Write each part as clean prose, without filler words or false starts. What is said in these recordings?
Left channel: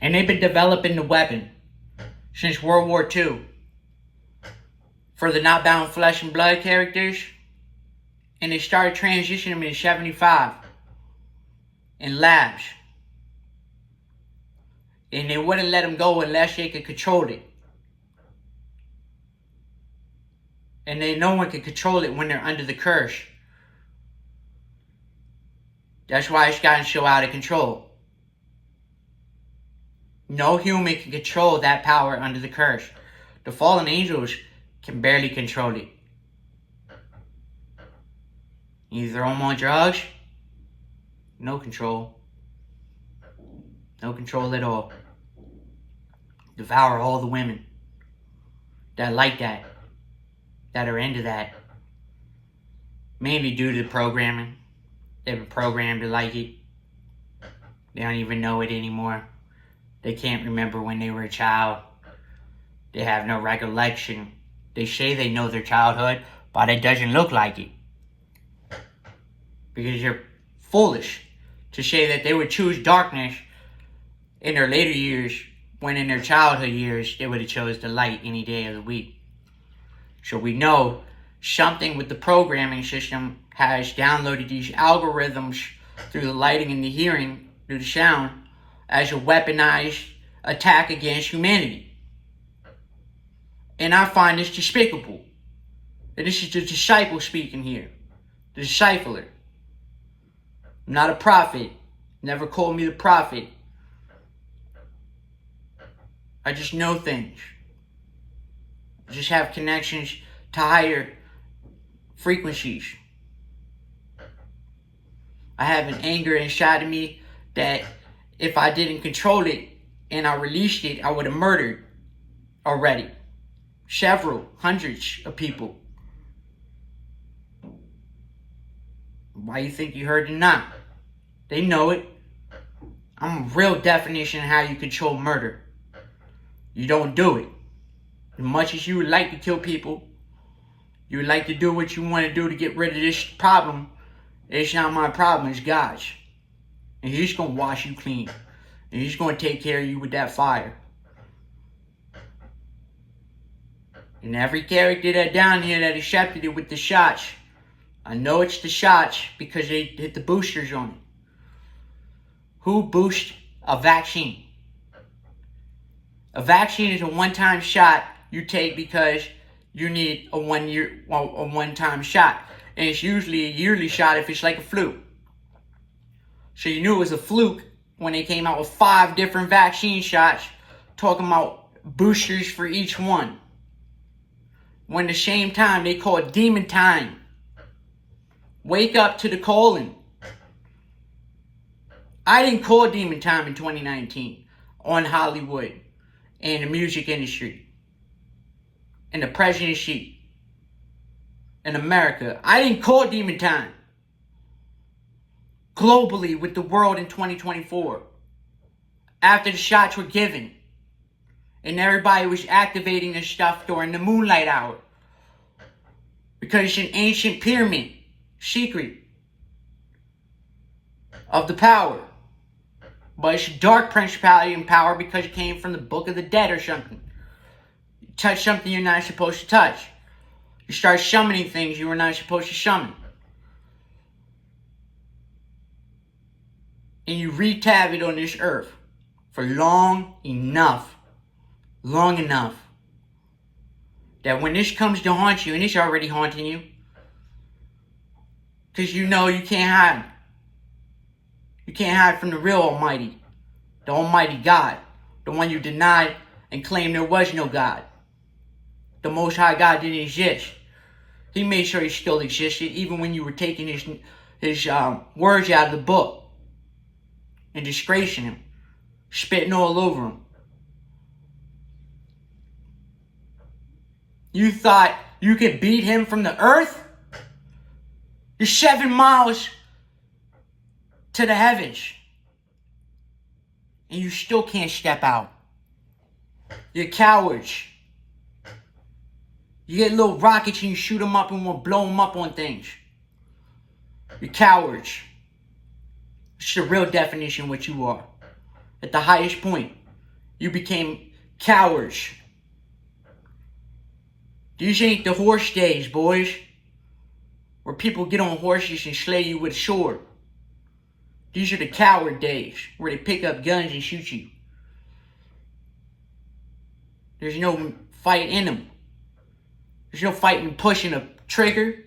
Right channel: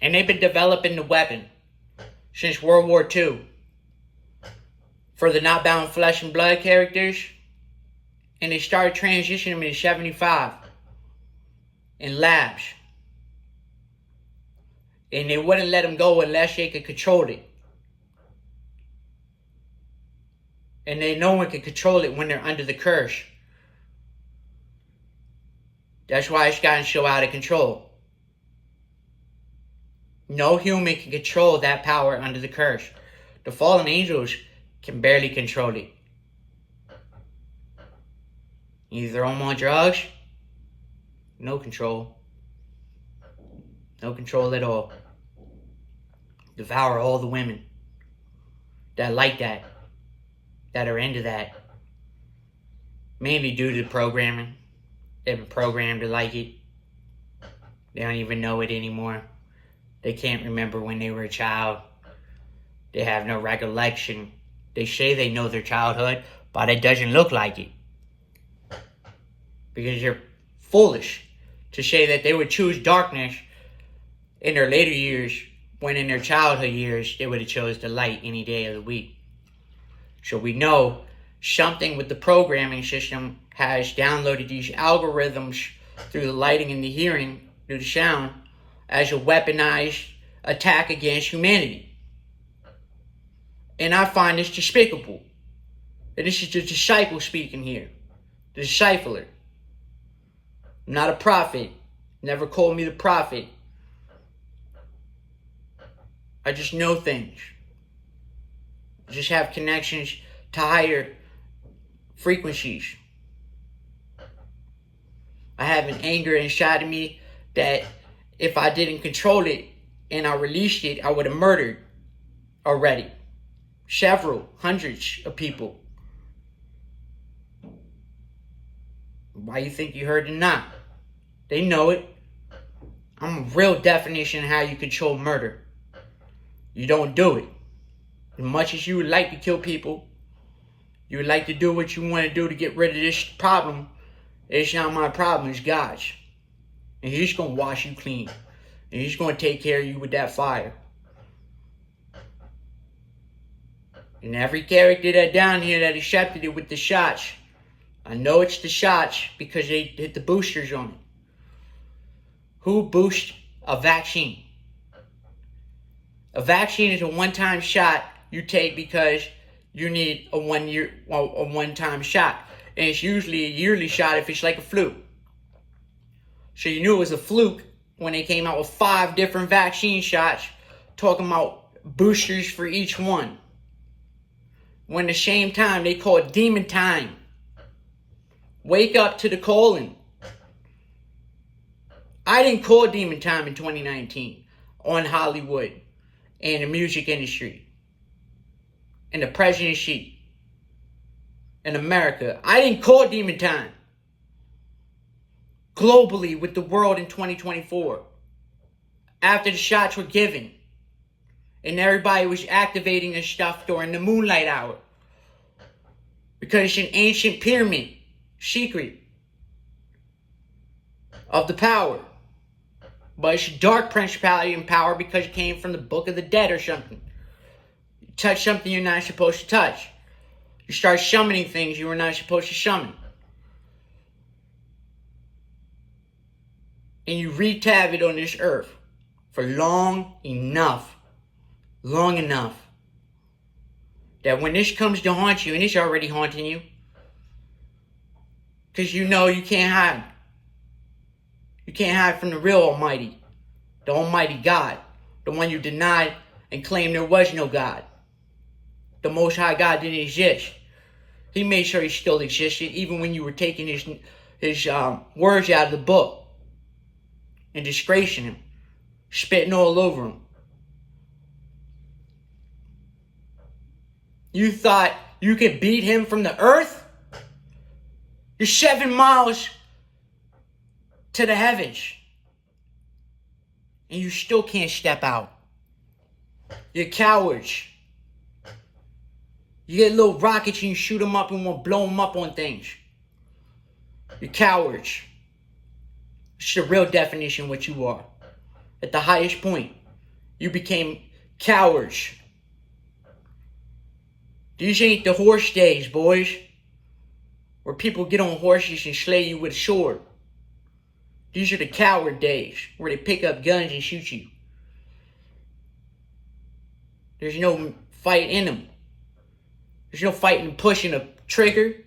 And they've been developing the weapon since World War II for the not bound flesh and blood characters. And they started transitioning them in 75 in labs. And they wouldn't let them go unless they could control it. And no one can control it when they're under the curse. That's why it's gotten so out of control. No human can control that power under the curse. The fallen angels can barely control it. You throw them on drugs, no control. No control at all. Devour all the women that like that, that are into that. Mainly due to the programming. They've been programmed to like it. They don't even know it anymore. They can't remember when they were a child. They have no recollection. They say they know their childhood, but it doesn't look like it. Because you're foolish to say that they would choose darkness in their later years, when in their childhood years, they would have chose the light any day of the week. So we know something with the programming system has downloaded these algorithms through the lighting and the hearing, through the sound, as a weaponized attack against humanity. And I find this despicable. And this is the disciple speaking here. The discipler. I'm not a prophet. Never called me the prophet. I just know things. I just have connections to higher frequencies. I have an anger inside of me that if I didn't control it and I released it, I would have murdered already. Several, hundreds of people. Why you think you heard them not? They know it. I'm a real definition of how you control murder. You don't do it. As much as you would like to kill people, you would like to do what you want to do to get rid of this problem, it's not my problem, it's God's. And He's going to wash you clean. And He's going to take care of you with that fire. And every character that down here that accepted it with the shots, I know it's the shots because they hit the boosters on it. Who boosts a vaccine? A vaccine is a one-time shot you take because you need a one-time shot. And it's usually a yearly shot if it's like a flu. So you knew it was a fluke when they came out with 5 different vaccine shots, talking about boosters for each one. When at the same time they call it demon time. Wake up to the calling. I didn't call demon time in 2019 on Hollywood and the music industry and the presidency in America. I didn't call demon time. Globally with the world in 2024. After the shots were given. And everybody was activating this stuff during the moonlight hour. Because it's an ancient pyramid. Secret. Of the power. But it's a dark principality and power because it came from the Book of the Dead or something. You touch something you're not supposed to touch. You start summoning things you were not supposed to summon. And you wreak havoc on this earth for long enough that when this comes to haunt you, and it's already haunting you, because you know you can't hide. You can't hide from the real Almighty, the Almighty God, the one you denied and claimed there was no God. The Most High God didn't exist. He made sure He still existed, even when you were taking his words out of the book and disgracing Him, spitting all over Him. You thought you could beat Him from the earth? You're 7 miles to the heavens. And you still can't step out. You're cowards. You get little rockets and you shoot them up and want to blow them up on things. You're cowards. It's the real definition of what you are. At the highest point. You became cowards. These ain't the horse days, boys, where people get on horses and slay you with a sword. These are the coward days, where they pick up guns and shoot you. There's no fight in them. There's no fight in pushing a trigger.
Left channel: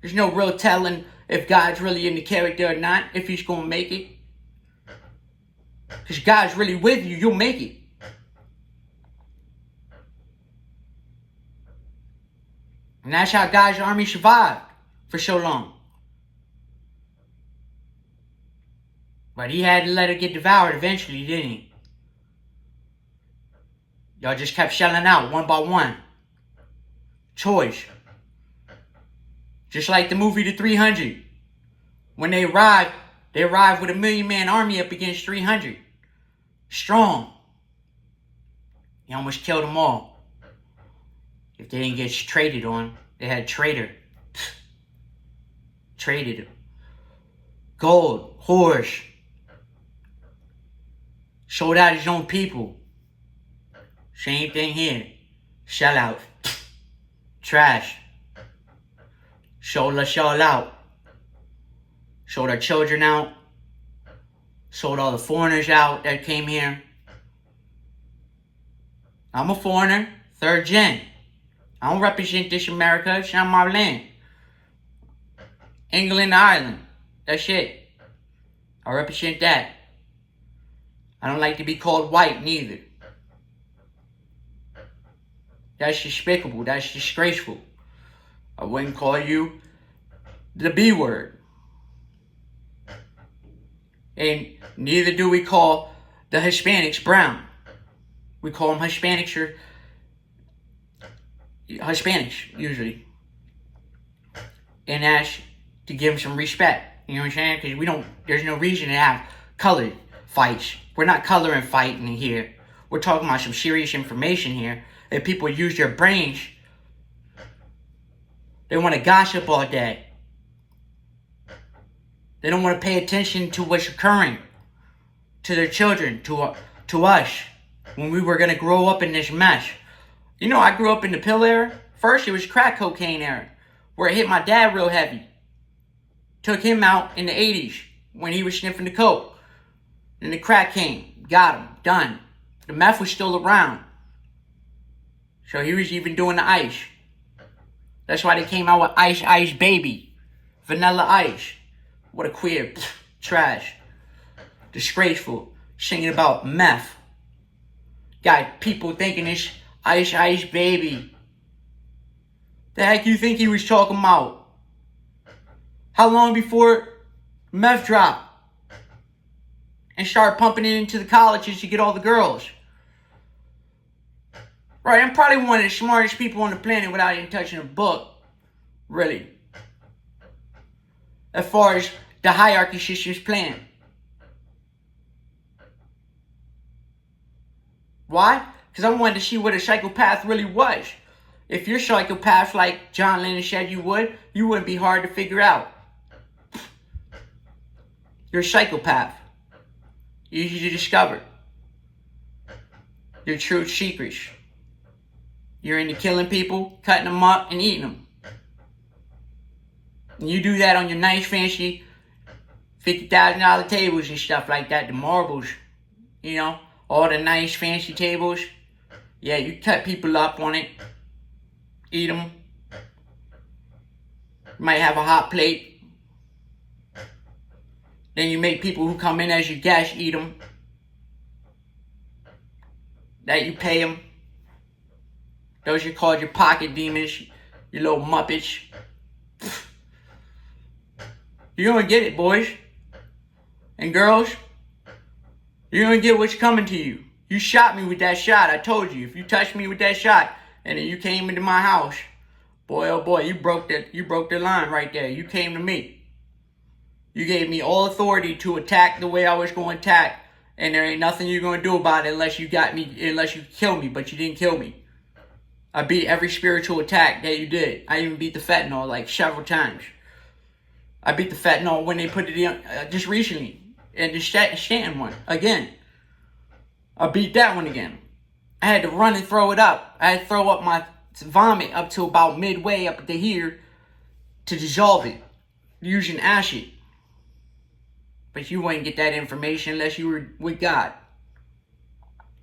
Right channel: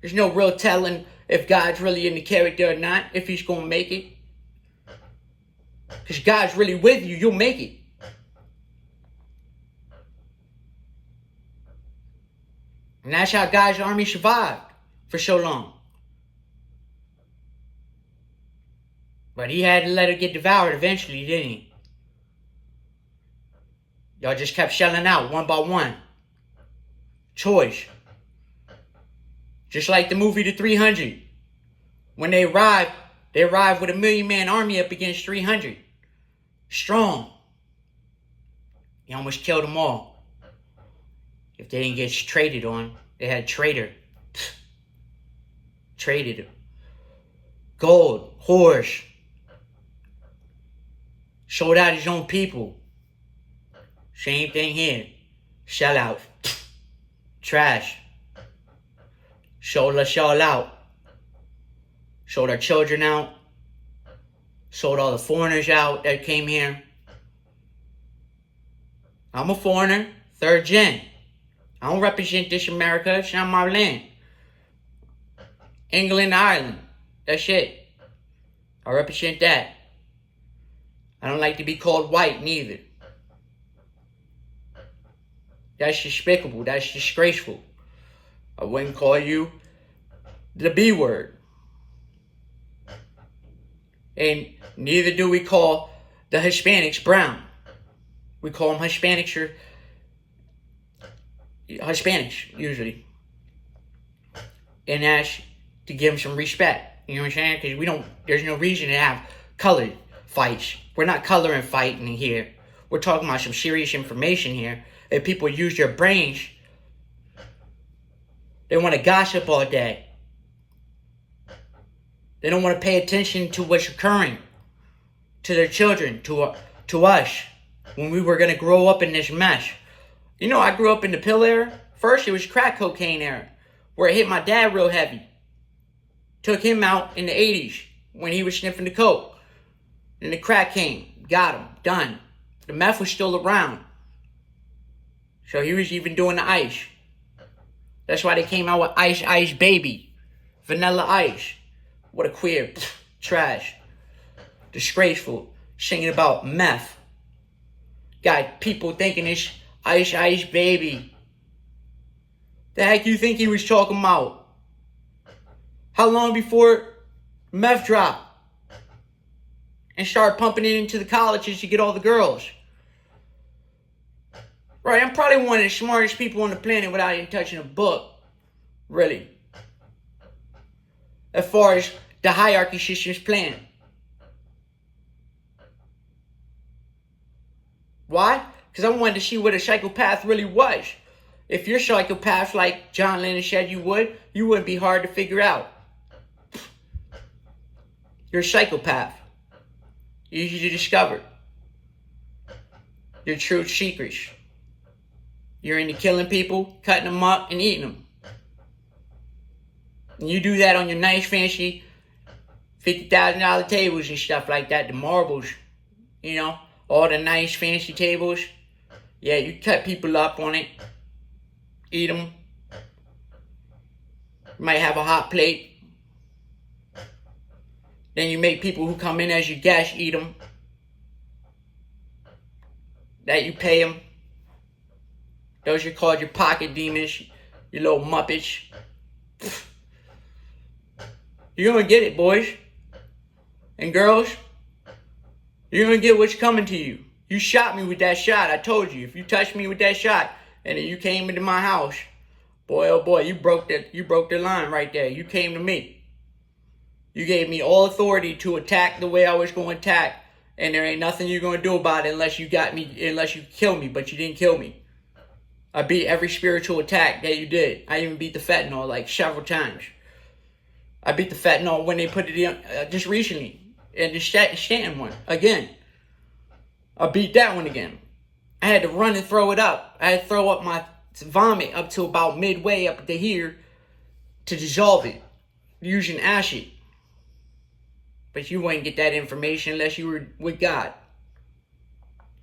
There's no real telling if God's really in the character or not, if he's going to make it. Because God's really with you, you'll make it. And that's how God's army survived for so long. But he had to let it get devoured eventually, didn't he? Y'all just kept shelling out one by one. Choice. Just like the movie The 300. When they arrived with a 1,000,000-man army up against 300. Strong. He almost killed them all. If they didn't get traded on, they had traitor. Traded him. Gold, horse. Sold out his own people. Same thing here. Sell out. Trash. Sold us all out. Sold our children out. Sold all the foreigners out that came here. I'm a foreigner, third gen. I don't represent this America. It's not my land. England, Ireland. That's it. I represent that. I don't like to be called white, neither. That's despicable. That's disgraceful. I wouldn't call you the B word. And neither do we call the Hispanics brown. We call them Hispanics or Hispanics, usually. And that's to give them some respect. You know what I'm saying? Because there's no reason to have colored fights. We're not coloring fighting here. We're talking about some serious information here. If people use their brains, they want to gossip all day. They don't want to pay attention to what's occurring to their children, to us, when we were going to grow up in this mess. You know, I grew up in the pill era. First, it was crack cocaine era, where it hit my dad real heavy. Took him out in the 80s when he was sniffing the coke. Then the crack came, got him, done. The meth was still around. So he was even doing the ice. That's why they came out with Ice Ice Baby. Vanilla Ice. What a queer. Trash. Disgraceful. Singing about meth. Got people thinking it's Ice Ice Baby. The heck you think he was talking about? How long before meth dropped? And started pumping it into the colleges to get all the girls. Right, I'm probably one of the smartest people on the planet without even touching a book. Really. As far as the hierarchy system's plan. Why? Because I wanted to see what a psychopath really was. If you're psychopaths like John Lennon said you wouldn't be hard to figure out. You're a psychopath. Easy to discover. Your true secrets. You're into killing people, cutting them up, and eating them. And you do that on your nice, fancy $50,000 tables and stuff like that, the marbles, you know, all the nice, fancy tables. Yeah, you cut people up on it, eat them. You might have a hot plate. Then you make people who come in as your guests eat them. That you pay them. Those are called your pocket demons, you little muppets. You're gonna get it, boys and girls. You're gonna get what's coming to you. You shot me with that shot. I told you, if you touched me with that shot and then you came into my house, boy, oh boy, you broke the line right there. You came to me. You gave me all authority to attack the way I was going to attack, and there ain't nothing you're gonna do about it unless you kill me. But you didn't kill me. I beat every spiritual attack that you did. I even beat the fentanyl like several times. I beat the fentanyl when they put it in just recently. And the Stanton one. Again. I beat that one again. I had to run and throw it up. I had to throw up my vomit up to about midway up to here to dissolve it using acid. But you wouldn't get that information unless you were with God.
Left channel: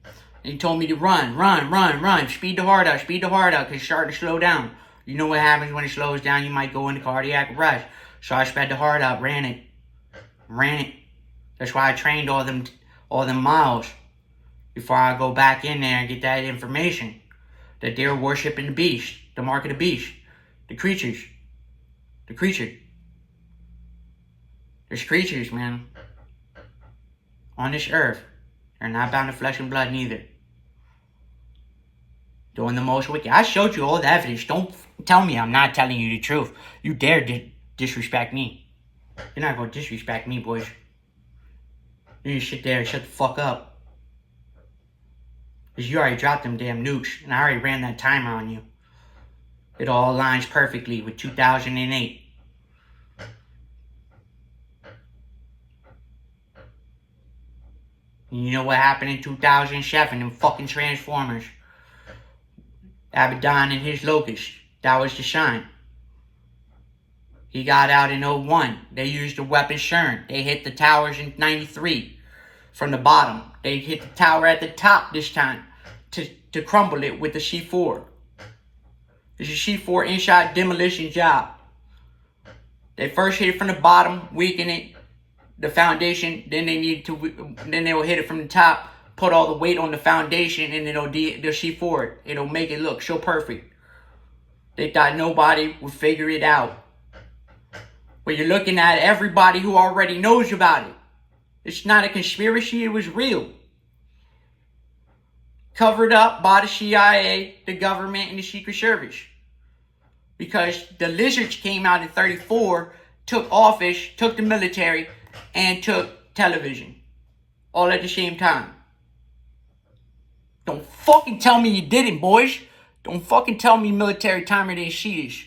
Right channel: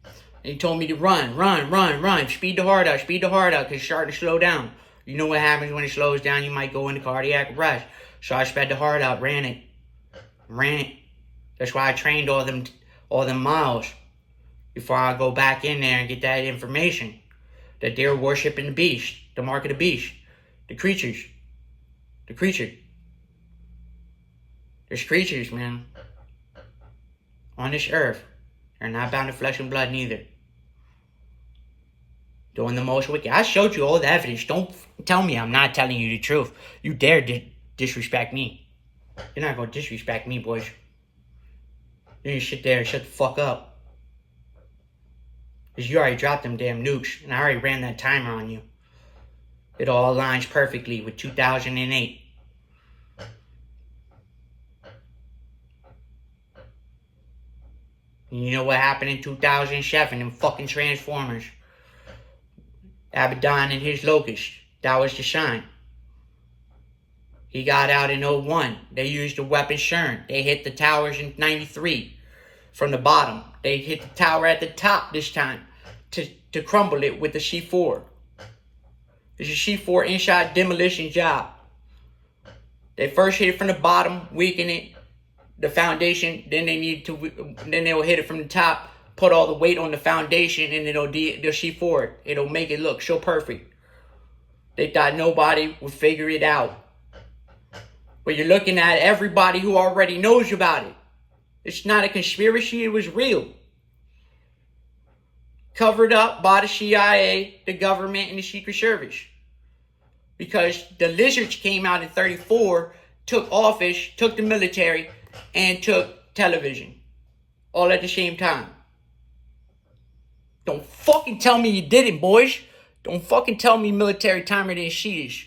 And he told me to run, speed the heart out, because it's starting to slow down. You know what happens when it slows down? You might go into cardiac arrest. So I sped the heart out, ran it. That's why I trained all them miles before I go back in there and get that information. That they're worshiping the beast, the mark of the beast, the creatures. The creature. There's creatures, man, on this earth. They're not bound to flesh and blood neither. Doing the most wicked. I showed you all the evidence. Don't tell me I'm not telling you the truth. You dare disrespect me. You're not going to disrespect me, boys. You need to sit there and shut the fuck up. Because you already dropped them damn nukes. And I already ran that timer on you. It all aligns perfectly with 2008. You know what happened in 2007? Them fucking Transformers. Abaddon and his Locust. That was the sign. He got out in 01. They used the weapon CERN. They hit the towers in 93. From the bottom. They hit the tower at the top this time. To crumble it with the C4. It's a C4 in-shot demolition job. They first hit it from the bottom, weaken it, the foundation. Then they will hit it from the top, put all the weight on the foundation, and it'll the C4. It'll make it look so perfect. They thought nobody would figure it out. But you're looking at everybody who already knows about it. It's not a conspiracy. It was real. Covered up by the CIA, the government, and the Secret Service. Because the lizards came out in 34, took office, took the military, and took television. All at the same time. Don't fucking tell me you didn't, boys. Don't fucking tell me military timer didn't see this.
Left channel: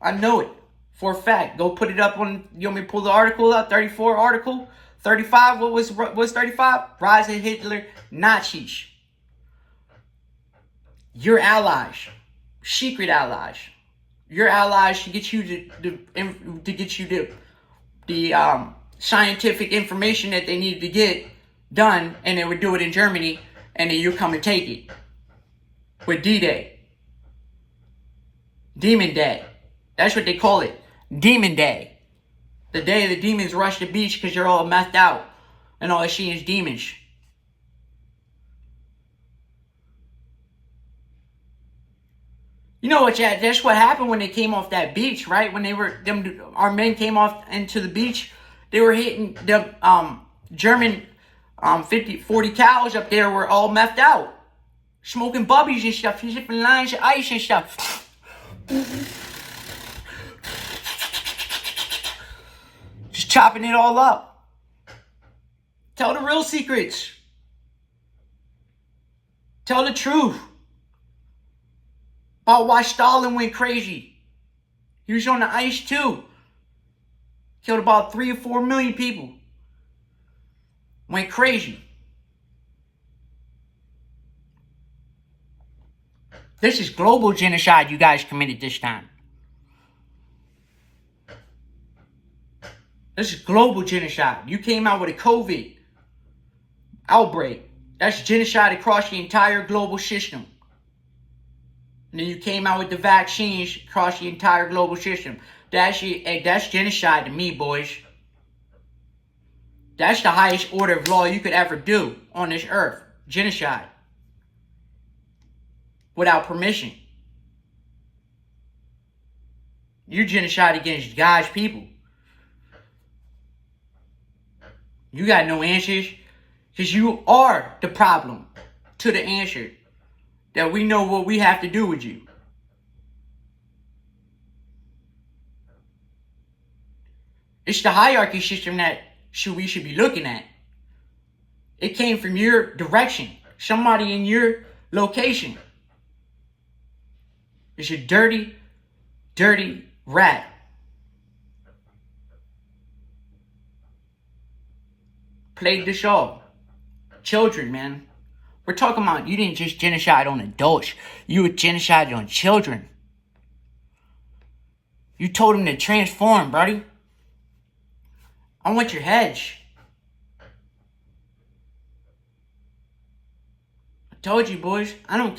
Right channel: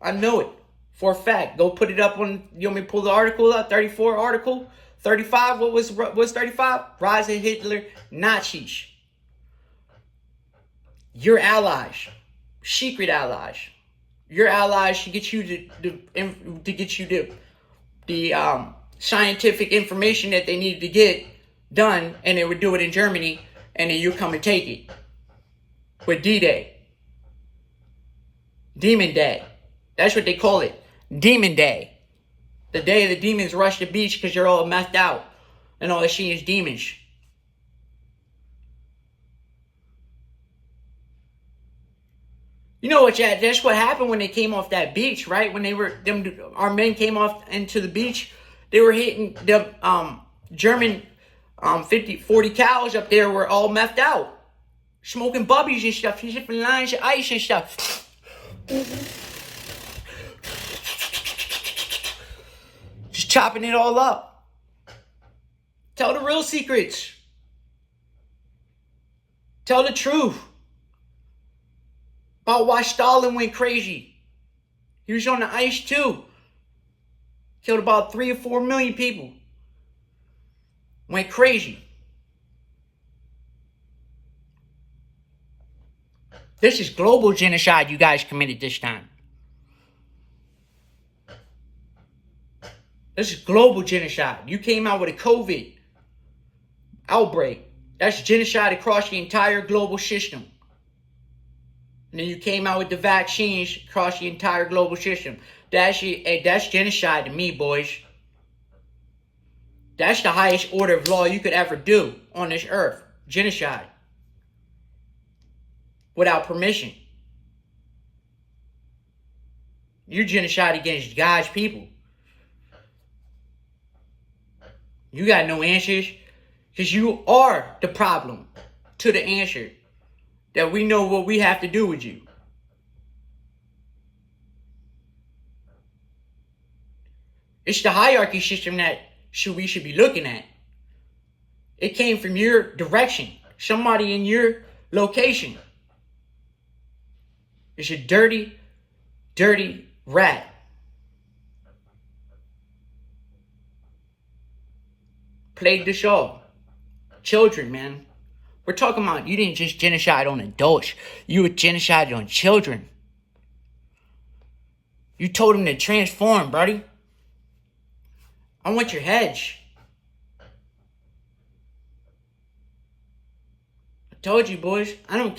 I know it. For a fact. Go put it up on, you want me to pull the article up? 34 article? 35, what was 35? Rise of Hitler, Nazis. Your allies. Secret allies. Your allies to get you the scientific information that they needed to get done, and they would do it in Germany, and then you come and take it. With D-Day. Demon Day. That's what they call it. Demon Day. The day the demons rush the beach because they're all messed out. And all they see is demons. You know what, Chad? That's what happened when they came off that beach, right? When our men came off into the beach, they were hitting the German 40 cows up there were all messed out. Smoking bubbies and stuff, sipping lines of ice and stuff. Just chopping it all up. Tell the real secrets. Tell the truth. About why Stalin went crazy. He was on the ice too. Killed about 3 or 4 million people. Went crazy. This is global genocide you guys committed this time. This is global genocide. You came out with a COVID outbreak. That's genocide across the entire global system. And then you came out with the vaccines across the entire global system. That's genocide to me, boys. That's the highest order of law you could ever do on this earth. Genocide. Without permission. You're genocide against God's people. You got no answers. Because you are the problem to the answer. That we know what we have to do with you. It's the hierarchy system that we should be looking at. It came from your direction. Somebody in your location. It's a dirty, dirty rat. Played this all. Children, man. We're talking about you didn't just genocide on adults. You were genocided on children. You told them to transform, buddy. I want your heads. I told you, boys. I don't care.